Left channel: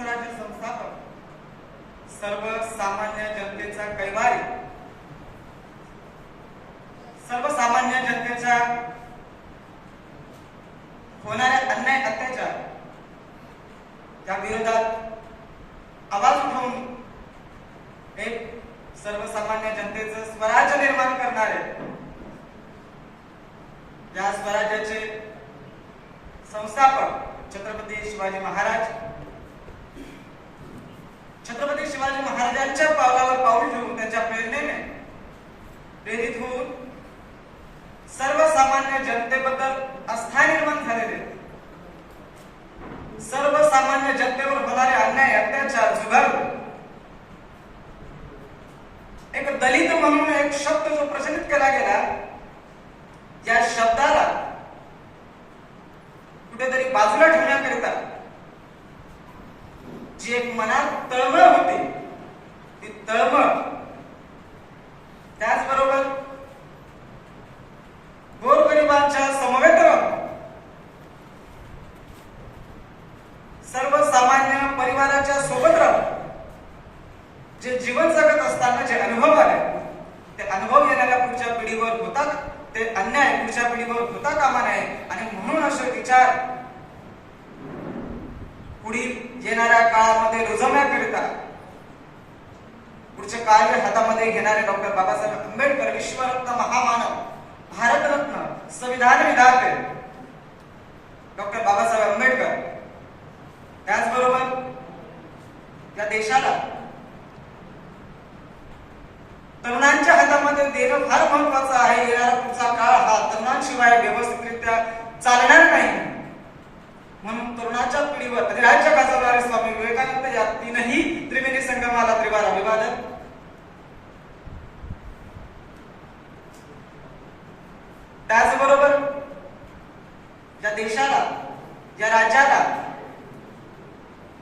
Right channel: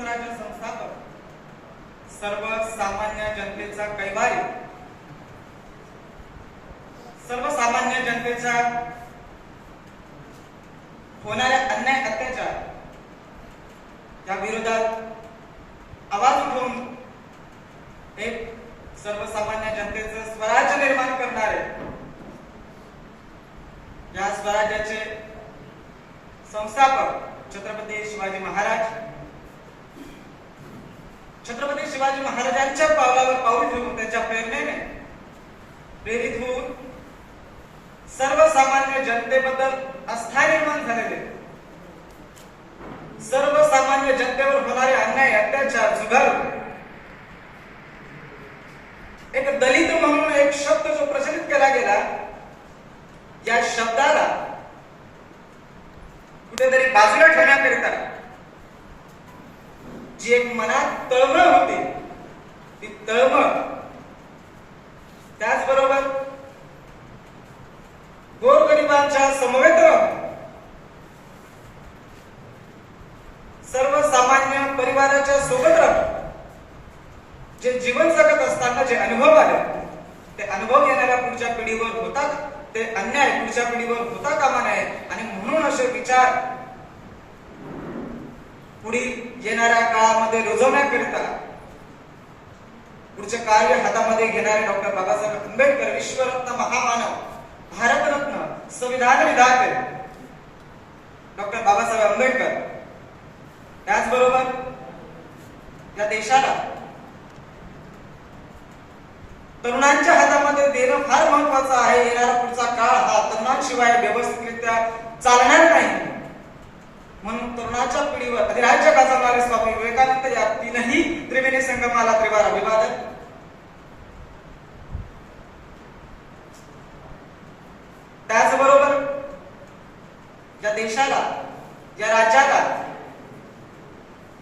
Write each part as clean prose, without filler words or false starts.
स्वराज्य संस्थापक, सर्वसामान्य जनतेचा कैवारी, सर्वसामान्य जनतेचा होणाऱ्या अन्याय अत्याचार या विरोधात आवाज उठवून एक सर्वसामान्य जनतेचं स्वराज्य निर्माण करणारे, या स्वराज्याचे संस्थापक छत्रपती शिवाजी महाराज, छत्रपती शिवाजी महाराजांच्या पावलावर पाऊल ठेवून त्यांच्या प्रेरणेने प्रेरित होऊन सर्वसामान्य जनतेबद्दल आस्था निर्माण झालेले, सर्वसामान्य जनतेवर होणारे अन्याय अत्याचार झुगारले. एक दलित म्हणून एक शब्द जो प्रचलित केला गेला, या शब्दाला कुठेतरी बाजूला ठेवण्याकरिता जी एक मनात तळमळ होती, ती तळमळ, त्याचबरोबर गोरगरिबांच्या समवेत सर्वसामान्य परिवाराच्या सोबत राहून जे जीवन जगत असताना जे अनुभव आले, ते अनुभव येणाऱ्या पुढच्या पिढीवर होतात, ते अन्याय पुढच्या पिढीवर होता कामा नये. आणि म्हणून असे विचार पुढील येणाऱ्या काळामध्ये रुजवण्याकरिता पुढचे कार्य हातामध्ये घेणारे डॉक्टर बाबासाहेब आंबेडकर, विश्वरत्न महामानव, भारतरत्न, संविधान विधाते डॉक्टर बाबासाहेब आंबेडकर, त्याचबरोबर या देशाला तरुणांच्या हातामध्ये देणं फार महत्वाचं आहे. येणारा पुढचा काळ हा तरुणांशिवाय व्यवस्थितरित्या चालणार नाही. म्हणून तरुणाच्या पिढीवर अधिराज्य गाजवणारे स्वामी विवेकानंद या तीनही त्रिवेणी संगमाला त्रिवार अभिवादन. त्याचबरोबर या देशाला, या राज्याला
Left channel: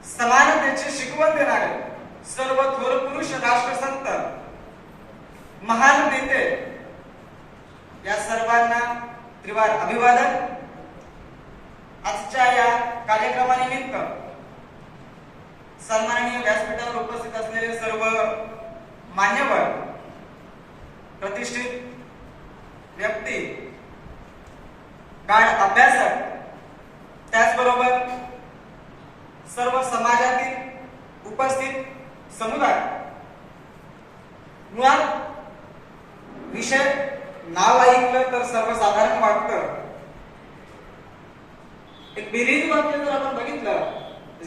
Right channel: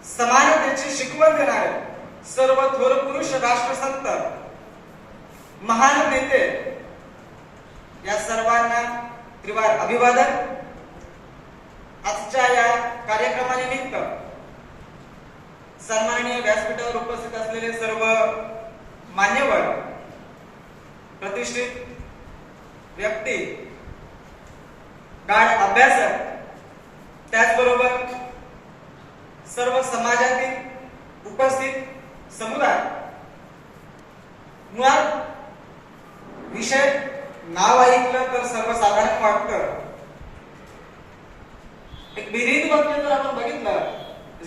समानतेची शिकवण देणारे सर्व थोर पुरुष, राष्ट्रसंत, महान नेते, या सर्वांना त्रिवार अभिवादन. आजच्या या कार्यक्रमानिमित्त सन्माननीय व्यासपीठावर उपस्थित असलेले सर्व मान्यवर, प्रतिष्ठित व्यक्ती, गाढ अभ्यासक, त्याचबरोबर सर्व समाजातील उपस्थित समुदाय, मुळात विषय नाव ऐकलं तर सर्वसाधारण वाटतं. एक विहिरीत वाक्य जर आपण बघितलं,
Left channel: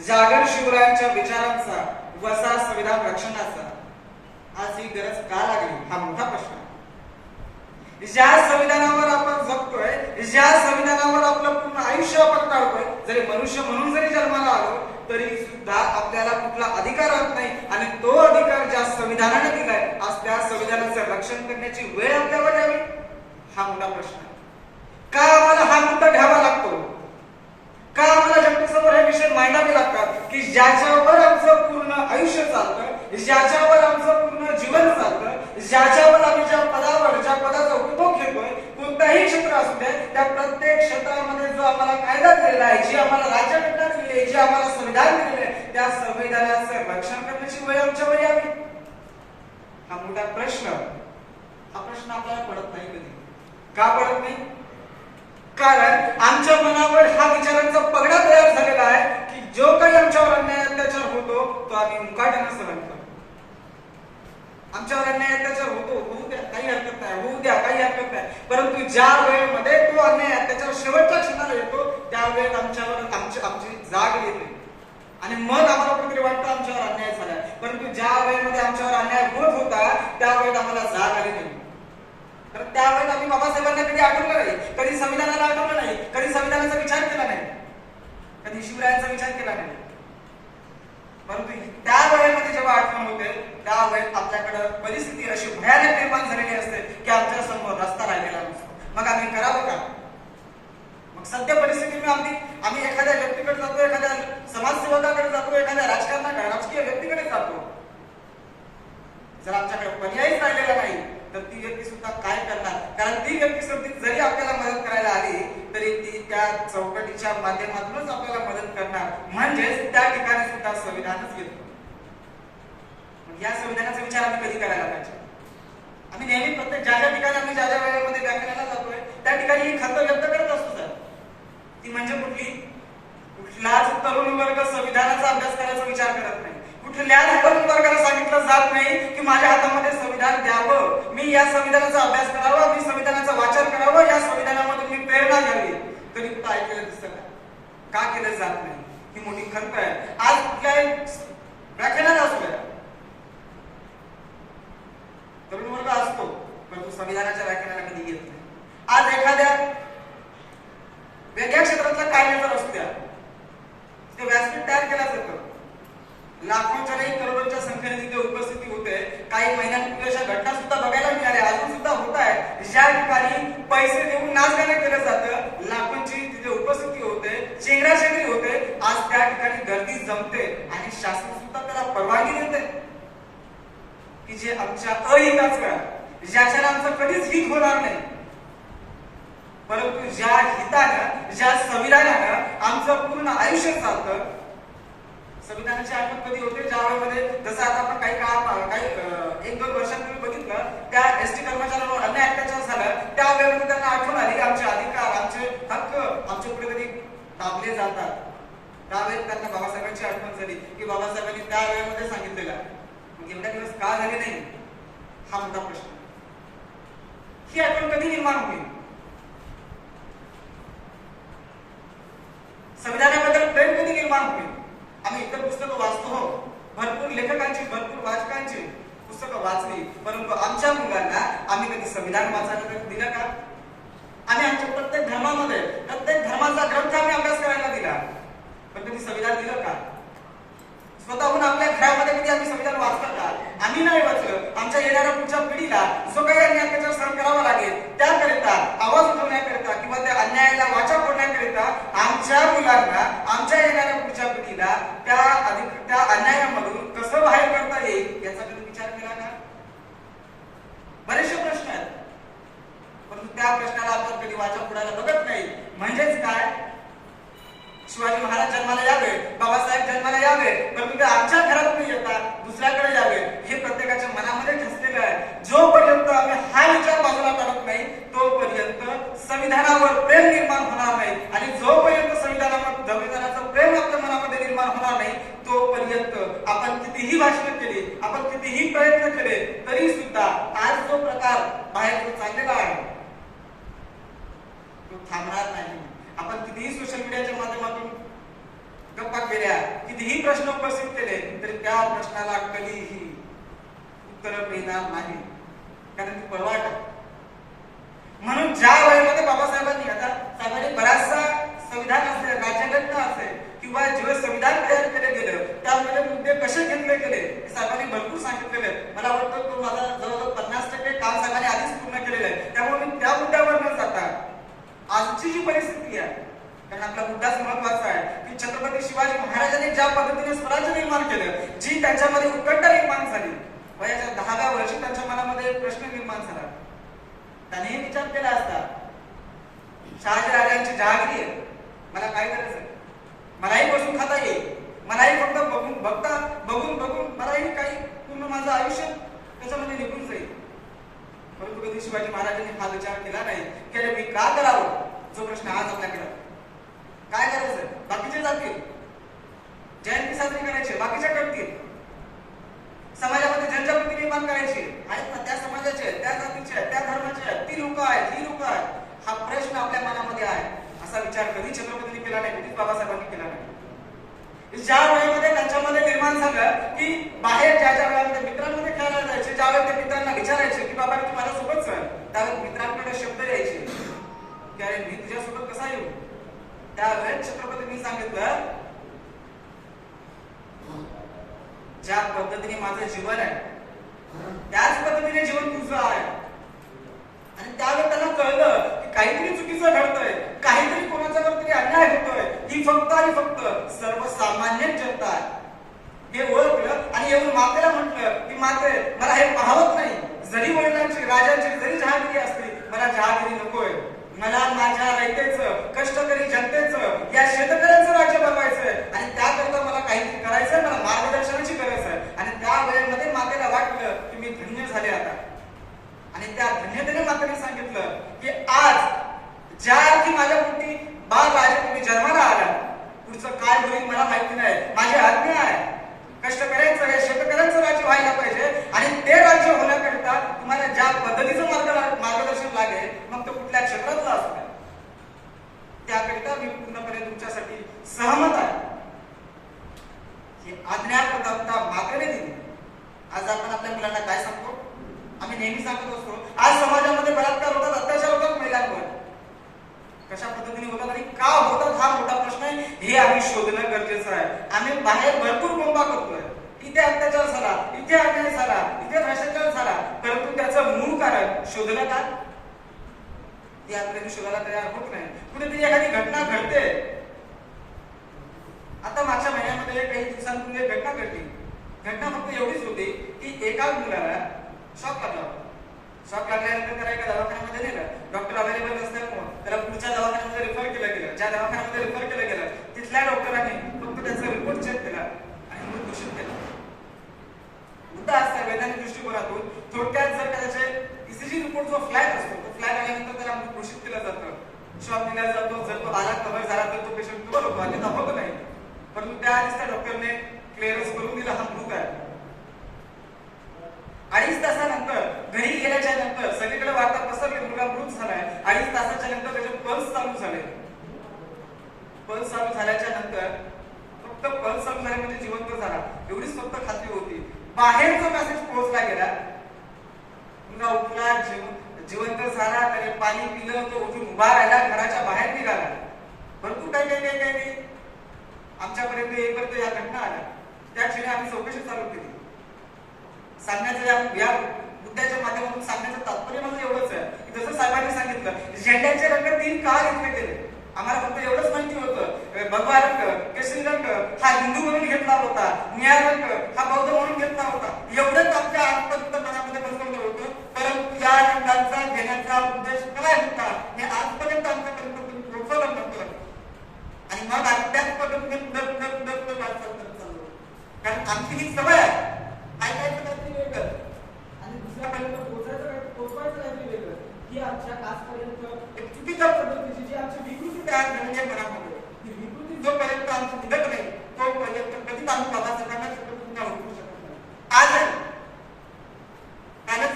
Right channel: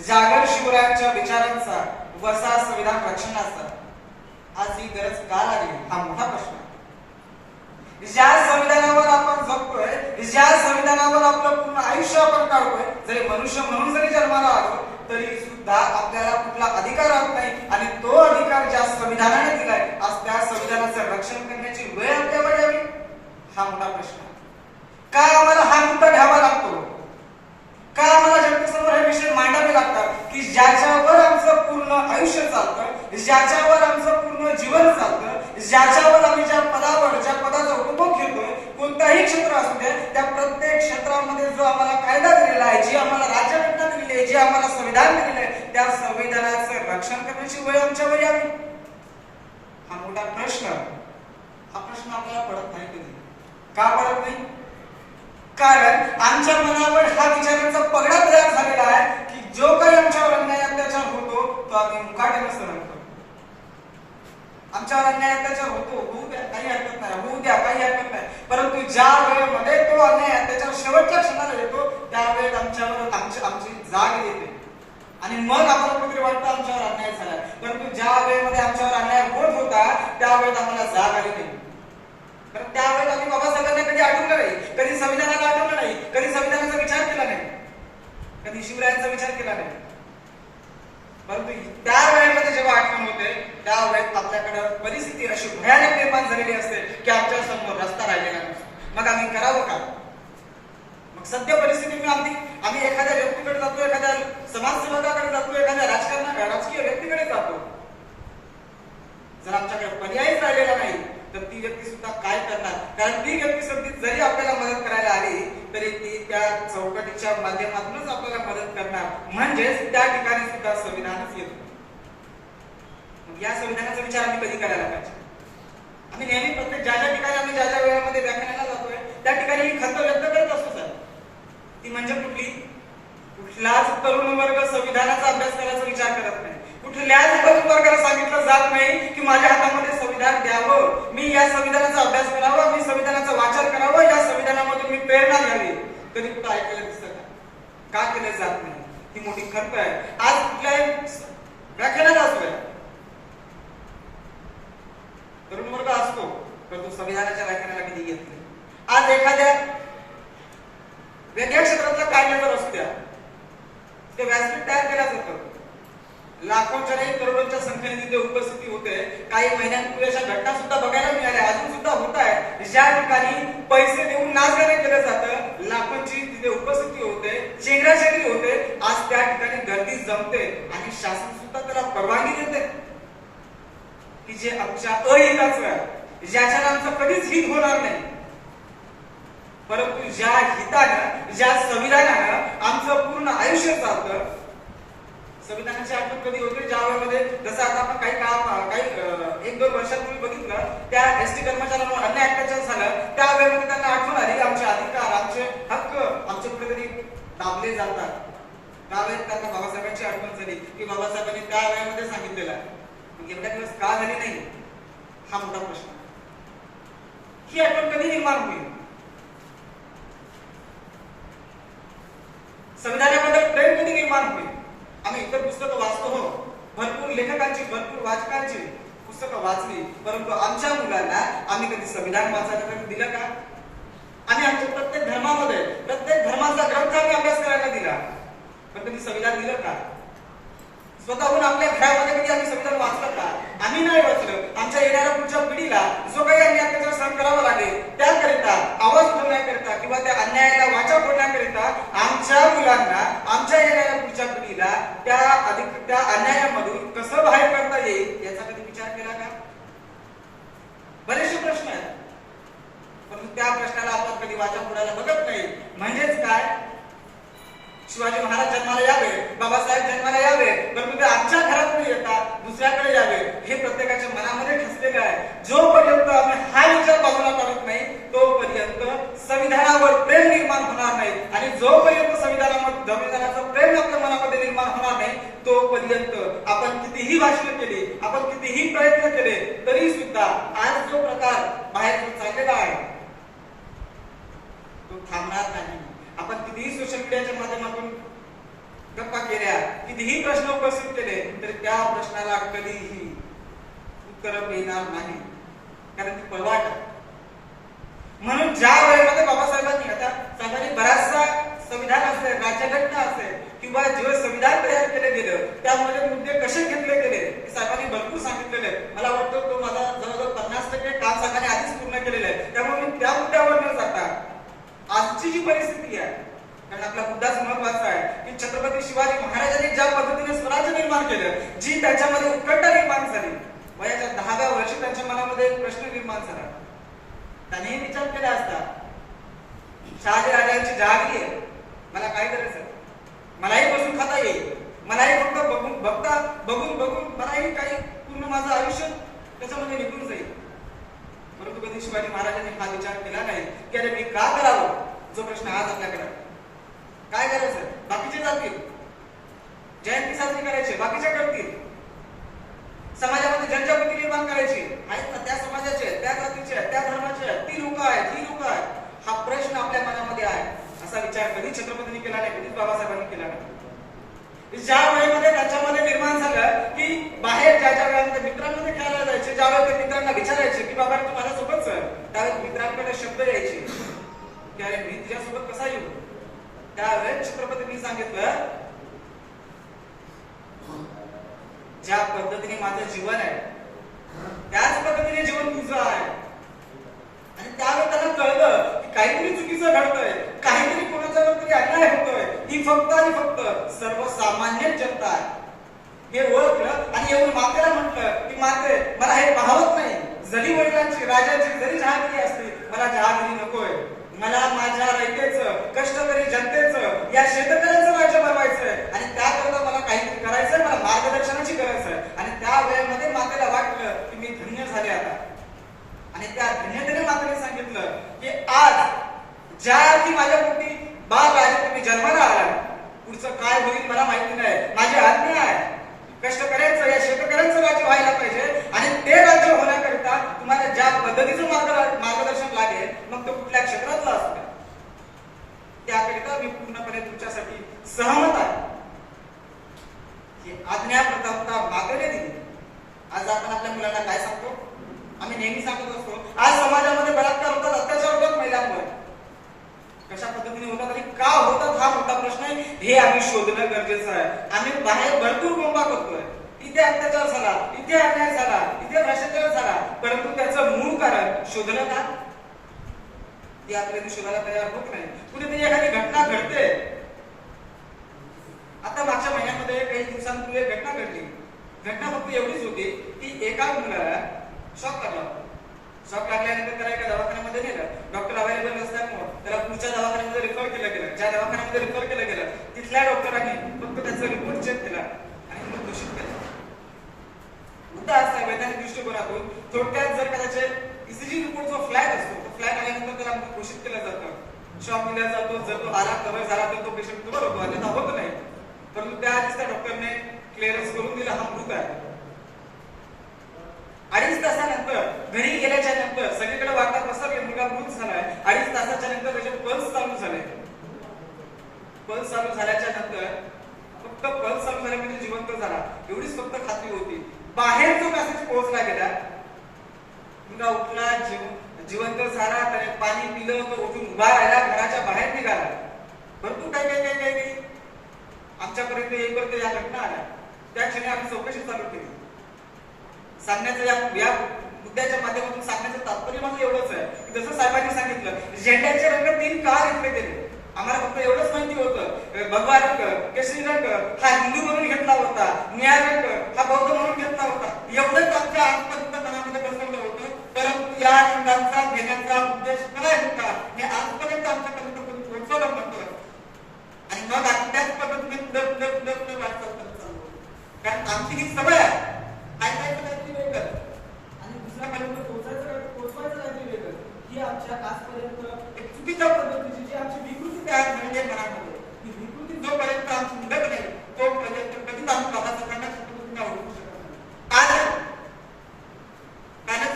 जागर शिवरायांच्या विचारांचा, वसा संविधान रक्षणाचा, आज ही गरज का लागली हा मोठा प्रश्न. ज्या संविधानावर आपण जगतोय, ज्या संविधानावर आपलं पूर्ण आयुष्य आपण काढतोय, जरी मनुष्य म्हणून जरी जन्माला आलो तरी सुद्धा आपल्याला कुठला अधिकार राहत नाही. आणि तो अधिकार ज्या संविधानाने दिलाय, आज त्या संविधानाचं रक्षण करण्याची वेळ आपल्यावर यावी हा मोठा प्रश्न आहे. का आम्हाला हा मुद्दा घ्यावा लागतो? का आम्हाला जनतेसमोर हे विषय मांडावे लागतात की ज्याच्यावर आमचं पूर्ण आयुष्य चालतं, ज्याच्यावर आमचं पूर्ण जीवन चालतं, ज्याच्यावर आम्ही ज्या पदावर, ज्या पदाचा उपभोग घेतोय, कोणताही क्षेत्र असू दे, त्या प्रत्येक क्षेत्रामध्ये जो आम्हाला कायदा दिलेला आहे, जी आम्हाला राज्यघटना दिली आहे, जी आम्हाला संविधान दिलेलं आहे, त्या संविधानाचं रक्षण करण्याची वेळ आमच्यावर यावी हा मोठा प्रश्न. हा प्रश्न आपल्याला पडत नाही कधी. का पडत नाही? कारण आमच्या मनावर हा विचारांचा पगडा तयार झालेला आहे की जो काही आमच्यावर अन्याय अत्याचार होतो तो आम्ही मुकाट्याने सहन करतो. आमच्यावर अन्याय अत्याचार होतो, होऊ द्या, काही हरकत नाही, होऊ द्या, काही हरकत नाही. परंतु ज्या वेळेमध्ये तो अन्याय अत्याचार शेवटच्या क्षणाला येतो, त्यावेळेस आमच्यावर आमची जाग येते आणि मग आम्हाला कुठेतरी वाटतं आमच्यावर अन्याय झाला. परंतु ज्या वेळेमध्ये आमच्यावर अन्याय होत होता त्यावेळेस आम्हाला जाग आली नाही. तर त्यावेळेस आम्ही बाबासाहेबांना कधी आठवलं नाही, कधी संविधानाला आठवलं नाही, कधी संविधानाचा विचार केला नाही, कधी शिवरायांचा विचार केला नाही. परंतु त्यावेळेमध्ये जेव्हा आठवण होते त्यावेळेस आपल्याकडे परिस्थिती अशी भयानक निर्माण झालेली असते की आमच्या समोर रस्ता राहिलेला नसतो. मग आम्ही करावं का? मग सध्या परिस्थितीमध्ये आम्ही एखाद्या व्यक्तीकडे जातो, एखाद्या समाजसेवकाकडे जातो, एखाद्या राजकीय व्यक्तीकडे जातो. जर आमच्याकडे पर्यायच राहिलेला नाही तर ती व्यक्ती सुद्धा काय करणार? कारण ती व्यक्ती जरी आपल्याला मदत करायला आली तरी ती त्या चौकटीच्या माध्यमातूनच आपल्याला मदत करणार, म्हणजेच त्या ठिकाणी सुद्धा संविधानच येतो. या संविधानाचा विचार आम्ही कधी करायला पाहिजे? आम्ही नेहमी प्रत्येक ज्या ठिकाणी आम्ही ज्या वेळेमध्ये व्याख्यानाला जातोय त्या ठिकाणी ही खंत व्यक्त करत असतो सर. ती म्हणजे कुठलाच तरुण वर्ग संविधानाचा अभ्यास करायचा विचार करत नाही. कुठल्याच तरुण वर्गाला सांगितलं जात नाही की माझ्या हातामध्ये संविधान द्यावं, मी या संविधानाचा अभ्यास करावा, मी संविधानाचं वाचन करावं, या संविधानामधून मी प्रेरणा घ्यावी. कधी कुठं ऐकलं दिसत का केलं जात नाही? ही मोठी खंत आहे. आज कुठल्याही व्याख्यानात असतोय तरुण वर्ग असतो, परंतु संविधानाच्या व्याख्यानाला कधी येत नाही. आज एखाद्या वेगळ्या क्षेत्रातला काय जर असत्या ते व्यासपीठ तयार केलं जातं, लाखोंच्या नाही करोडोंच्या संख्येने तिथे उपस्थिती होते. काही महिन्यांपूर्वी अशा घटना सुद्धा बघायला मिळाल्या, अजून सुद्धा होत आहे, ज्या ठिकाणी पैसे देऊन नाचगाणं केलं जातं, लाखोंची तिथे उपस्थिती होते, चेंगराचेंगरी होते. आज त्या ठिकाणी गर्दी जमते आणि शासन सुद्धा त्याला परवानगी देते की जे आमच्या अहिताचं आहे, ज्याच्यानं आमचं कधीच हित होणार नाही, परंतु ज्या हितानं, ज्या संविधानानं आमचं पूर्ण आयुष्य चालतं. संविधानाची आठवण कधी होते? ज्या वेळेमध्ये जसं आता आपण काही 1-2 वर्षांपूर्वी बघितलं, त्या एसटी कर्मचाऱ्यांवर अन्याय अत्याचार झालं, त्या वेळेमध्ये त्यांना आठवण आली आमचे अधिकार, आमचे हक्क आमचे कुठेतरी दाबले जातात. त्यावेळेस त्यांना बाबासाहेबांची आठवण झाली की बाबासाहेबांनी त्या वेळेमध्ये सांगितलेलं. मग एवढ्या दिवस का झाले नाही हा मोठा प्रश्न. ही आठवण कधी निर्माण होईल? संविधानाबद्दल प्रेम कधी निर्माण होईल? आम्ही इतर पुस्तकं वाचतो, भरपूर लेखकांची, भरपूर वाचकांची पुस्तकं वाचली, परंतु आमच्या मुलांना आम्ही कधी संविधान वाचायला दिलं का? आम्ही आमच्या प्रत्येक धर्मामध्ये प्रत्येक धर्माचा ग्रंथ आम्ही अभ्यास करायला दिला, पण कधी संविधान दिलं का? स्वतःहून आपल्या घरामध्ये कधी आम्ही संविधान वाचलं का? आम्ही नाही वाचलं. आमच्या येणाऱ्या पुढच्या पिढीला जो काही अन्याय अत्याचार सहन करावा लागेल त्याकरिता, आवाज उठवण्याकरिता किंवा त्या अन्यायाला वाचा फोडण्याकरिता आमच्या मुलांना, आमच्या येणाऱ्या पुढच्या पिढीला त्या अन्यायामधून कसं बाहेर करता येईल याचा कधी विचार केला का? बरेचसे प्रश्न आहेत, परंतु त्या प्रश्नाला आपण कधी वाचा फोडायला बघत नाही. म्हणजेच काय? शिवाजी महाराज जन्माला यावे, बाबासाहेब जन्माला यावे, परंतु ते आमच्या घरातून येतात, दुसऱ्याकडे यावे, हे प्रत्येकाच्या मनामध्ये ठसलेलं आहे. जोपर्यंत आम्ही हा विचार बाजूला काढत नाही तोपर्यंत संविधानावर प्रेम निर्माण होणार नाही, आणि जोपर्यंत संविधानाचं प्रेम आपल्या मनामध्ये निर्माण होणार नाही तोपर्यंत आपण कितीही भाषण केली, आपण कितीही प्रयत्न केले तरी सुद्धा आज जो प्रकार बाहेर चाललेला आहे तो थांबणार नाही. आपण कितीही सोशल मीडियाच्या माध्यमातून गप्पा केल्या, कितीही प्रश्न उपस्थित केले तरी त्या प्रश्नाला कधीही उत्तर मिळणार नाही, कारण ती पळवाट. म्हणून ज्या वेळेमध्ये बाबासाहेबांनी, आता साहेबांनी बराचसा संविधान असेल, राज्यघटना असेल किंवा जे संविधान तयार केले गेलं त्यामध्ये मुद्दे कसे घेतले गेले साहेबांनी भरपूर सांगितलेले आहेत. मला वाटतं तो माझा जवळजवळ 50% काम साहेबांनी आधीच पूर्ण केलेलं आहे. त्यामुळे मी त्या मुद्द्यावर न जाता आजची जी परिस्थिती आहे, कारण आपला मुद्दाच महत्वाचा आहे की छत्रपती शिवाजी महाराजांनी ज्या पद्धतीने स्वराज्य निर्माण केलं, जी त्याच्यामध्ये उत्कंठा निर्माण झाली, वयाच्या 10व्या वर्षी त्यांच्या मनामध्ये एक प्रश्न निर्माण झाला. त्याने विचार केला असता, शहाजी जहागिरी आहे, मला काय करायचं? मलाही बसून खाता येईल, मलाही फक्त बघून मलाही काही पूर्ण माझं आयुष्य त्याच्यामध्ये निघून जाईल. परंतु कधी शिवाजी महाराजांनी हा विचार केला नाही की अरे मी का करावं? जो प्रश्न आज आपल्याकडे काय करायचं? बाकीचे जातील, जयंती साजरी करायची, बाकीच्या करतील, समाजामध्ये जनजागृती निर्माण करायची आहेत ना, त्या समाजाचे, त्या जातीचे, त्या धर्माचे, ती लोक आहेत, ही लोक आहेत. हा प्रश्न आपल्या मनामध्ये आहे. असा विचार कधी छत्रपतींनी केला नाही, कधी बाबासाहेबांनी केला नाही. ज्या वेळेमध्ये त्यांच्यामध्ये निर्माण झालं की बाहेर ज्या वेळेमध्ये मित्रांमध्ये खेळायला जायचे, ज्यावेळेस ते मित्रांना विचारायचे की बाबा तू माझ्यासोबत चल, त्यावेळेस मित्रांकडे शब्द यायचे की अरे मी तुझ्यासोबत कसा येऊ? त्यावेळेस छत्रपतींनी सांगितलं, ज्या पद्धतीने माझं जीवन आहे त्याच पद्धतीने जीवन तुझं आहे. आणि त्यावेळेस त्यांना कळलं की काहीतरी चुकीचं घडतंय, काहीतरी कोणाच्यावर तरी अन्याय होतोय. ही फक्त आणि फक्त सर्वसामान्य जनता आहे हे ओळखलं आणि येऊन मातेला म्हटलं की माते मला हे पाहत नाही, जरी वडिलांची, राजांची जरी जहागिरी असते, मला जहागिरी नकोय, मला माझ्या रयतेचं, कष्टकरी जनतेचं, या शेतकऱ्यांचं राज्य बनवायचंय आणि त्याकरता मला काहीतरी करायचंय, मला मार्गदर्शनाची गरज आहे. आणि त्या वेळेमध्ये मातेला वाटलं की मी धन्य झाले आता. आणि त्या धन्यतेने मातेने सांगितलं की आज ज्या अर्थी माझ्या पोटी बाळ राजपोटी जन्माला आला, पुढचं काय होईल मला माहिती नाही, माझी आज्ञा आहे. कष्टकऱ्यांचं, या शेतकऱ्यांचं राज्य व्हायला पाहिजे आणि ते राज्य होण्याकरिता तुम्हाला ज्या पद्धतीचं मार्गदर्शन लागेल, मग तो कुठल्या क्षेत्रातला असतो त्याकरिता मी पूर्णपणे तुमच्यासाठी सहमत आहे. ही आज्ञा प्रतापता मातेने दिली. आज आपण आपल्या मुलांना काय सांगतो? आम्ही नेहमी सांगत असतो आज समाजामध्ये बलात्कार होतात, अत्याचार होतात महिलांवर. कशा पद्धतीने होतात आणि का होतात हा मोठा प्रश्न आहे. हे आम्ही शोधणं गरजेचं आहे. आम्ही बाहेर भरपूर बोंबा करतोय, इथे अत्याचार झाला, इथे अन्याय झाला, इथे भ्रष्टाचार झाला, परंतु त्याचं मूळ कारण शोधलं का? हे आपल्याला शोधायला तयार होत नाही. कुठेतरी एखादी घटना घडते. आता मागच्या महिन्यामध्ये काही दिवसांपूर्वी एक घटना घडली. घटना फक्त एवढीच होती की एका मुलाला शॉक लागला. शॉक लागल्यानंतर त्याला एका दवाखान्यामध्ये नेलं. डॉक्टर अवेलेबल नसल्यामुळे त्याला पुढच्या दवाखान्यामध्ये रिफर केलं गेलं. ज्या दवाखान्यामध्ये रिफर केलं गेलं तिथल्या डॉक्टरांनी फक्त त्याचा रिपोर्ट चेक केला आणि मग घोषित केला. मुद्दा असा वैज्ञानिक दृष्टिकोनातून थोडक्यात जर त्याचे ईसीजी रिपोर्ट जो फ्लॅट असतो, तो फ्लॅट आल्यानंतर त्याला घोषित केलं जातं, शॉक दिला जातो. जर तो आला कव्हर झाला तर तो पेशंट कव्हर होतो, अन्यथा होत नाही. परंतु त्या आधीच त्या डॉक्टरने क्लिअरन्स करून दिला हा मृत आहे. 2.5 तासानंतर घरी गेल्याच्या नंतर सगळीकडे वार्ता पसरली मुलगा मृत झालाय. 2.5 तासाच्या नंतर त्याचे पल्स चालू झाले. पल्स चालू झाल्याच्या नंतर फक्त पल्स चालू झाले म्हणजे जिवंत झाला एवढीच फक्त खात्री होती. बाहेर जो मेसेज पोहोचला गेला, मुलगा उठला, जिवंत झाला, त्याने पाणी पिलं, तो उठून उभा राहिला, घराच्या बाहेर निघाला. भरपूर काय आमच्यापर्यंत येईपर्यंत या घटना आल्या. त्या क्षणी आम्ही चौकशी चालू केली. सांगण्याचं या मुद्द्याच्या माध्यमातून सांगण्याचं तात्पर्य माझं एवढंच आहे की जसं साहेबांनी सांगितलं झेंड्याचे रंग 3 का घेतले गेले. आम्हाला फक्त एवढंच माहिती होतं भगवा रंग, केशरी रंग हा हिंदू म्हणून घेतला होता, निळा रंग हा बौद्ध म्हणून घेतला होता. एवढंच आमच्या आजपर्यंत मनामध्ये बसवलं होतं. परंतु या रंगाचा घेण्याचा उद्देश काय होता हे आजपर्यंत आमच्यापर्यंत कोणी पोहोचवलं नव्हतं. आणि मग त्याच पद्धतीने पुढे वाटचाल करत चालू. कारण आमची ही सवय आहे ऐकायचं काहीतरी वेगळं आणि दुसऱ्यापर्यंत पोहोचवायचं काहीतरी वेगळं. ही आमच्या आजपर्यंत एक चुकीच्या पद्धतीची जी आमची विकृती तयार झाली आहे मनामध्ये, ही विकृती जोपर्यंत आमची निघत नाही तोपर्यंत कधीच आम्ही बाबासाहेबांना ओळखू शकत नाही. कालच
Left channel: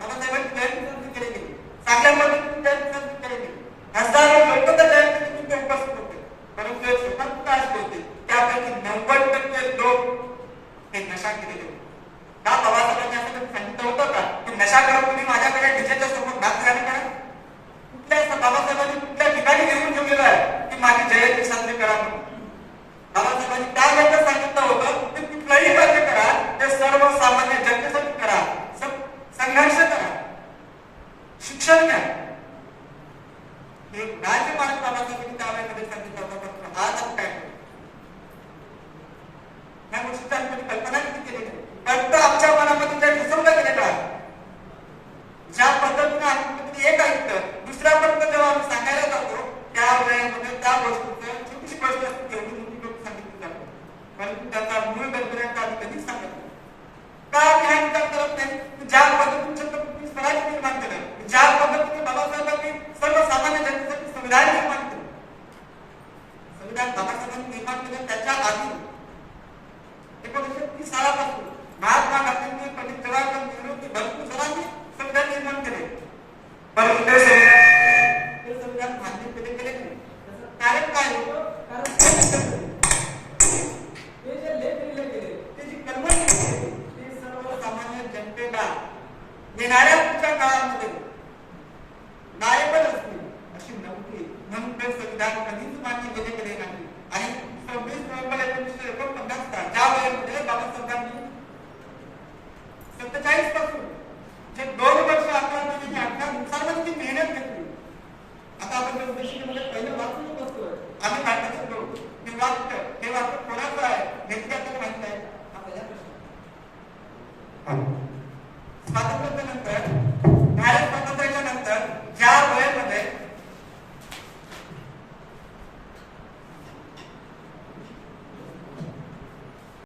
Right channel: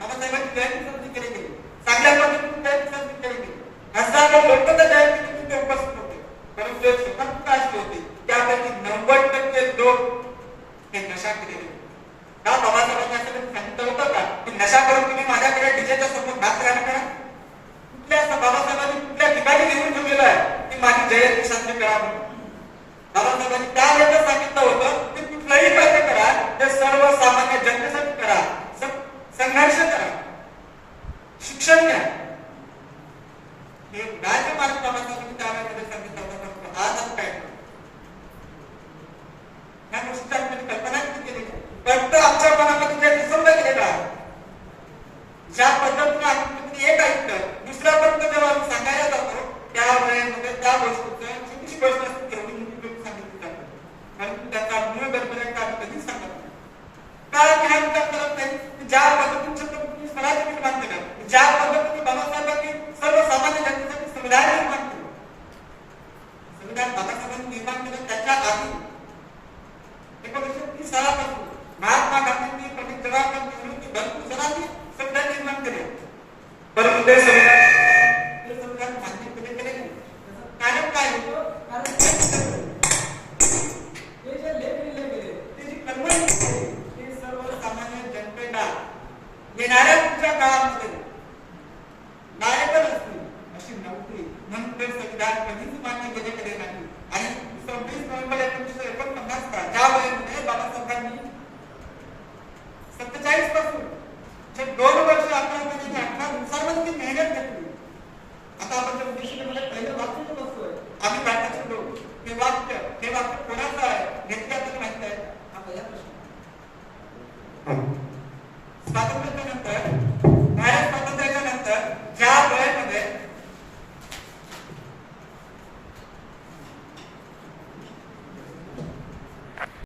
बाबासाहेबांची जयंती साजरी केली गेली, चांगल्या पद्धतीने जयंती साजरी केली गेली. हजारो लोक त्या जयंतीमध्ये उपस्थित होते, परंतु एक स्वतंत्र अशी होती त्यापैकी 90% लोक हे नशा केलेले. का बाबासाहेबांनी असं सांगितलं होतं का की नशा करत तुम्ही माझ्याकडे डीजेच्या सोबत नाच गाणं करा? कुठल्या बाबासाहेबांनी कुठल्या ठिकाणी लिहून ठेवलेलं आहे की माझी जयंती साजरी करा म्हणून? बाबासाहेबांनी त्यावेळेला सांगितलं होतं की कुठलाही कार्य करा ते सर्वसामान्य जनतेसाठी करा, संघर्ष करा, शिक्षण द्या. हे राज्य माझ्या बाबासाहेबांनी त्यावेळेला सांगितलं होतं. आज आम्ही काय करतो या गोष्टीची आम्ही कल्पना केली नाही. फक्त आमच्या मनामध्ये जे घुसवलं गेलेलं आहे, ज्या पद्धतीने आम्ही एक ऐकतं दुसऱ्यापर्यंत जेव्हा आम्ही सांगायला जातो त्यावेळेमध्ये त्या गोष्टीचं छोटीशी गोष्ट असते तेवढी मोठी गोष्ट सांगितली जाते, परंतु त्याचा मूळ गरजेला आम्ही कधीच सांगत नाही. कारण ह्या विचार करत नाही की ज्या पद्धतीने छत्रपती स्वराज्य निर्माण केलं, ज्या पद्धतीने बाबासाहेबांनी सर्वसामान्य जनतेसाठी संविधान निर्माण केलं, संविधान बाबासाहेबांनी निर्माण केलं त्याच्या आधी 1930 सालापासून महात्मा गांधींनी, पंडित जवाहरलाल नेहरूंनी भरपूर जणांनी संविधान निर्माण केले, परंतु ते संविधान मान्य केले नाही. त्याचं कारण काय होतं? कारण ते जे लेख लिहिले गेले, ते जी कलमं लिहिली गेली, ते सर्वसामान्य जनतेला येणाऱ्या पुढच्या काळामध्ये नायबल असतील अशी नव्हती. म्हणून ते संविधान कधीच मान्य केले नाही. आणि 26 नोव्हेंबर 1949 ज्या वेळेमध्ये बाबासाहेबांनी 47 पासून जे 2 वर्ष आपल्यामध्ये अख्या दिवसामध्ये मेहनत घेतली. आता आपण उद्देशामध्ये पहिलं वाक्य बसतोय आम्ही काय लोक, हे वाक्य कोणाचं आहे घेतलं तर माहिती आहे? हा पहिला प्रश्न.